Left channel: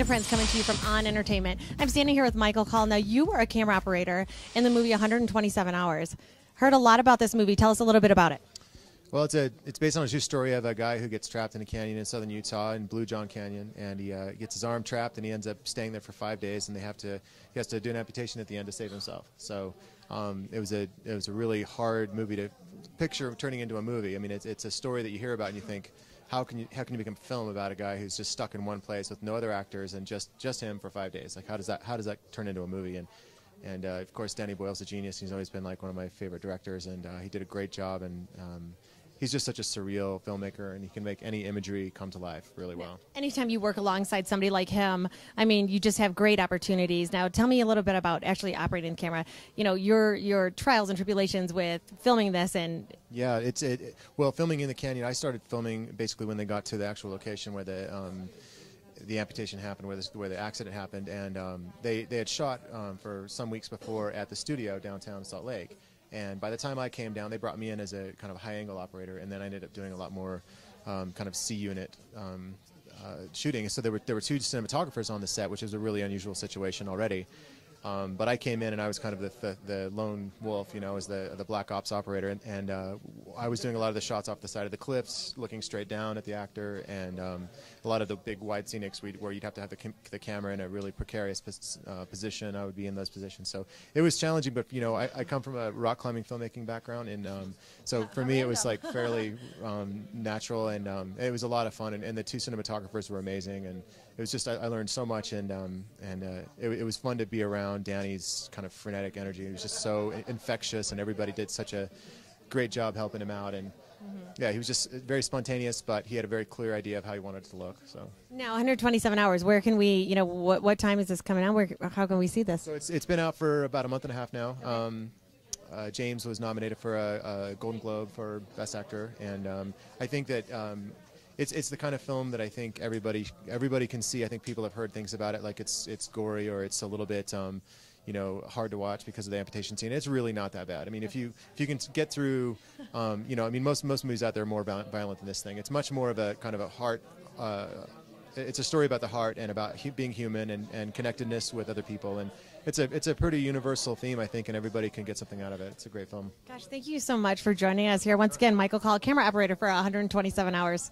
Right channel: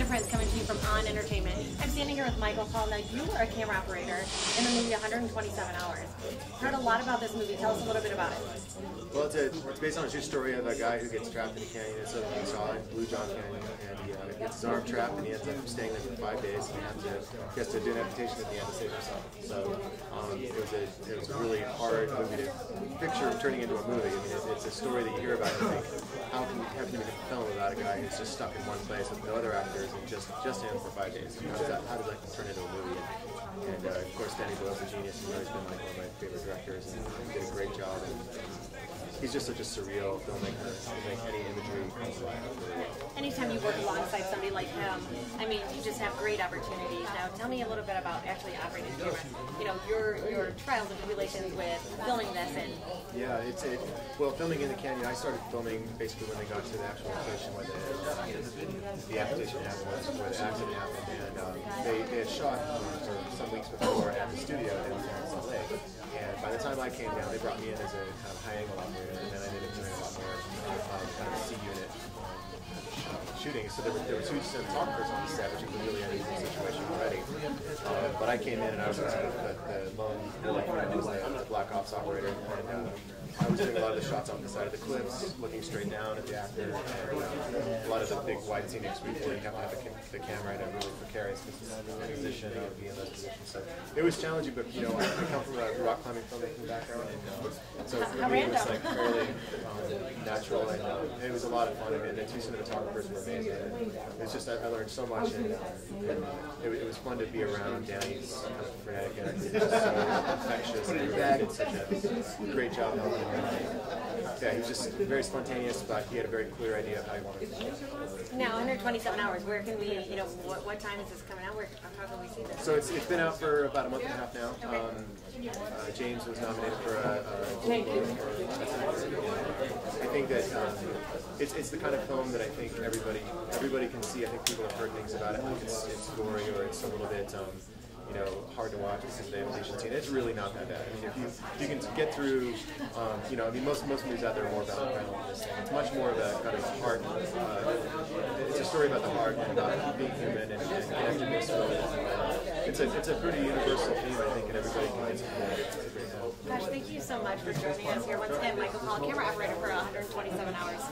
Melinda Prince coming to you from On Entertainment. I'm standing here with Michael Call. Now, you were a camera operator in the movie 127 Hours. Heard a lot about this movie. Tell us a little bit about it. Well, it's based on a true story of a guy who gets trapped in a canyon in southern Utah, in Blue John Canyon, and he gets his arm trapped, and he ends up staying there for 5 days, and he has to do an amputation at the end to save himself. So it was a really hard movie to picture turning into a movie. I mean, it's a story that you hear about and you think, how can you make a film about a guy who's just stuck in one place with no other actors and just him for 5 days? Like, how does that turn into a movie? And of course, Danny Boyle's a genius. He's always been like one of my favorite directors, and he did a great job. And he's just such a surreal filmmaker, and he can make any imagery come to life really well. Anytime you work alongside somebody like him, I mean, you just have great opportunities. Now, tell me a little bit about actually operating the camera. You know, your trials and tribulations with filming this and. Yeah, well, filming in the canyon, I started filming basically when they got to the actual location where the amputation happened, where the accident happened, and they had shot for some weeks before at the studio downtown Salt Lake. And by the time I came down, they brought me in as a kind of high-angle operator, and then I ended up doing a lot more kind of C-unit shooting. So there were two cinematographers on the set, which is a really unusual situation already. But I came in and I was kind of the lone wolf, you know, I was the black ops operator, and I was doing a lot of the shots off the side of the cliffs, looking straight down at the actor, and a lot of the big wide scenics where you'd have to have the camera in a really precarious position or be in those positions. So it was challenging, but you know, I come from a rock climbing filmmaking background, and so for me it was like fairly natural, and it was a lot of fun. And the two cinematographers were amazing, and it was just I learned so much, and it was fun to be around Danny's kind of frenetic energy. It was just so infectious, and everybody did such a great job helping him out. Yeah, he was just very spontaneous, but he had a very clear idea of how he wanted it to look. So. Now, 127 hours. Where can we? You know, what time is this coming out? How can we see this? So it's been out for about a month and a half now. James was nominated for a Golden Globe for Best Actor, and I think that it's the kind of film that I think everybody can see. I think people have heard things about it, like it's gory or it's a little bit you know, hard to watch because of the amputation scene. It's really not that bad. I mean, if you can get through, you know, I mean, most movies out there are more violent than this thing. It's much more of a kind of a heart. It's a story about the heart and about being human and connectedness with other people. And it's a pretty universal theme, I think, and everybody can get something out of it. It's a great film. Gosh, thank you so much for joining us here once again. Michael Call, camera operator for 127 Hours.